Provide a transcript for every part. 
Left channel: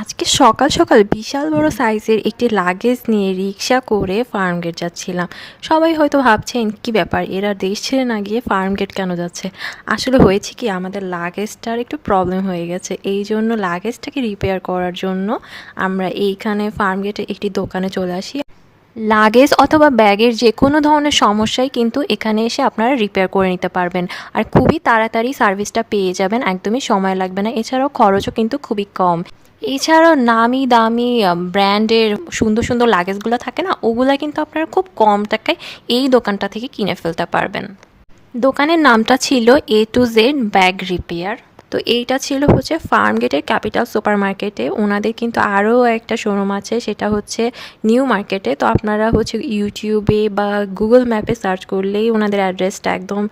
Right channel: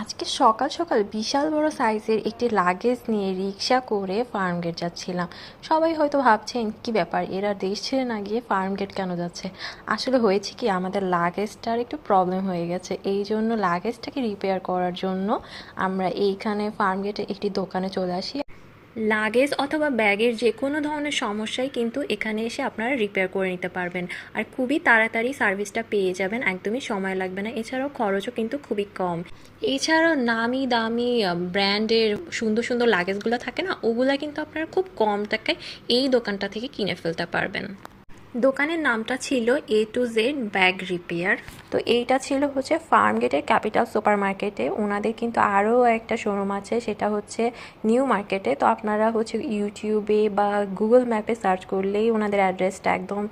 আজকে সকাল সকাল বিশাল বড় সাইজের একটি লাগেজ নিয়ে রিক্সা করে ফার্মগেট যাচ্ছিলাম। সবাই হয়তো ভাবছেন কি ব্যাপার, এরা দেশ ছেড়ে না গিয়ে ফার্মগেট কেন যাচ্ছে। আসলে হয়েছে কি, আমাদের লাগেজটার একটু প্রবলেম হয়ে গেছে, এই জন্য লাগেজটাকে রিপেয়ার করার জন্য আমরা এইখানে ফার্মগেটে একটি দোকানে চলে আসি। লাগেজ অথবা ব্যাগের যে কোনো ধরনের সমস্যাই কিন্তু এখানে এসে আপনারা রিপেয়ার করে নিতে পারবেন, আর খুবই তাড়াতাড়ি সার্ভিসটা পেয়ে যাবেন, একদমই সময় লাগবে না। এছাড়াও খরচও কিন্তু খুবই কম। এছাড়াও নামি দামি ব্র্যান্ডের সুন্দর সুন্দর লাগেজগুলো থাকে না, ওগুলা কিন্তু আপনারা খুব কম টাকায় এই দোকানটা থেকে কিনে ফেলতে পারবেন। দোকানের নামটা ছিল A to Z bag repair. তো এইটা ছিল হচ্ছে ফার্মগেটের ক্যাপিটাল সুপার মার্কেটে। ওনাদের কিন্তু আরও একটা শোরুম আছে, সেটা হচ্ছে নিউ মার্কেটে। তো আপনারা হচ্ছে ইউটিউবে বা গুগল ম্যাপে সার্চ করলেই ওনাদের অ্যাড্রেসটা একদম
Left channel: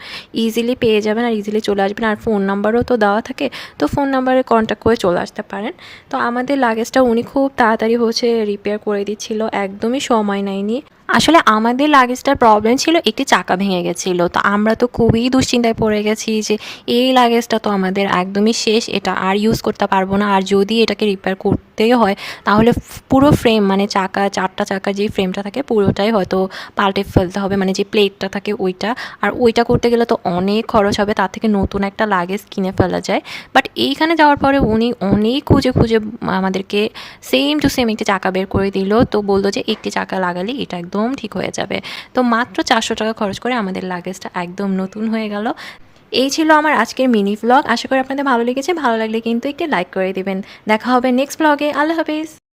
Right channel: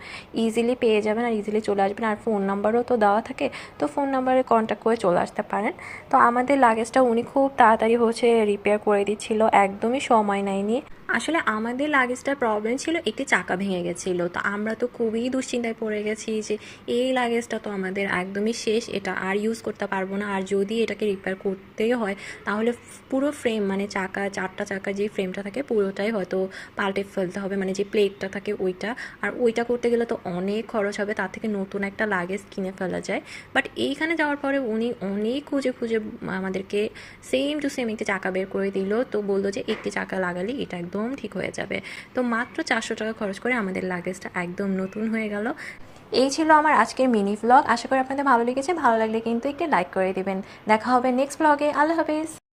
ইজিলি পেয়ে যাবেন, আর ইজিলি চলে আসবেন। আর ফোন নাম্বারও তো দেওয়া থাকে, তো ফোন নাম্বারে কন্ট্যাক্ট করে চলে আসতে পারেন। তো আমাদের লাগেজটা উনি খুব তাড়াতাড়ি হচ্ছে রিপেয়ার করে দিচ্ছিল, একদমই সময় নেয়নি। আসলে আমাদের লাগেজটার প্রবলেম ছিল, একটি চাকা ভেঙে গেছিলো। তো আমরা তো খুবই দুশ্চিন্তায় পড়ে গেছি যে এই লাগেজটা তো আমাদের একদমই শেষ, এটা আর ইউজ করতে পারবো না। আর যদি এটাকে রিপেয়ার করতেই হয় তাহলে পুরো ফ্রেম, মানে চাকা, চারটা চাকার যে ফ্রেমটা থাকে পুরোটাই হয়তো পাল্টে ফেলতে হবে, মানে যে প্লেটটা থাকে ওইটা। আর ওইটা করতে গেলে তো অনেক খরচ হবে, তার থেকে নতুন একটা লাগেজ কিনে ফেলা যায়। বাট এইখানে যাওয়ার পরে উনি অনেক খুঁজে খুঁজে আমাদেরকে সেম টু সেম একটি চাকা বের করে দিল। তো বললো যে একটি চাকা লাগালে এটা একদম ঠিক হয়ে যাবে। তো মাত্র 400 টাকা খরচ করে আমাদের লাগেজটা একদম নতুন হয়ে গেল। এই ছিল আমার আজকের মিনি ভ্লগ। আশা করি আপনাদের ভালো লেগেছে। ভালো লাগলে কিন্তু একটি লাইক করে দিবেন। দেখা হবে নেক্সট ভ্লগে। আল্লাহ হাফিজ।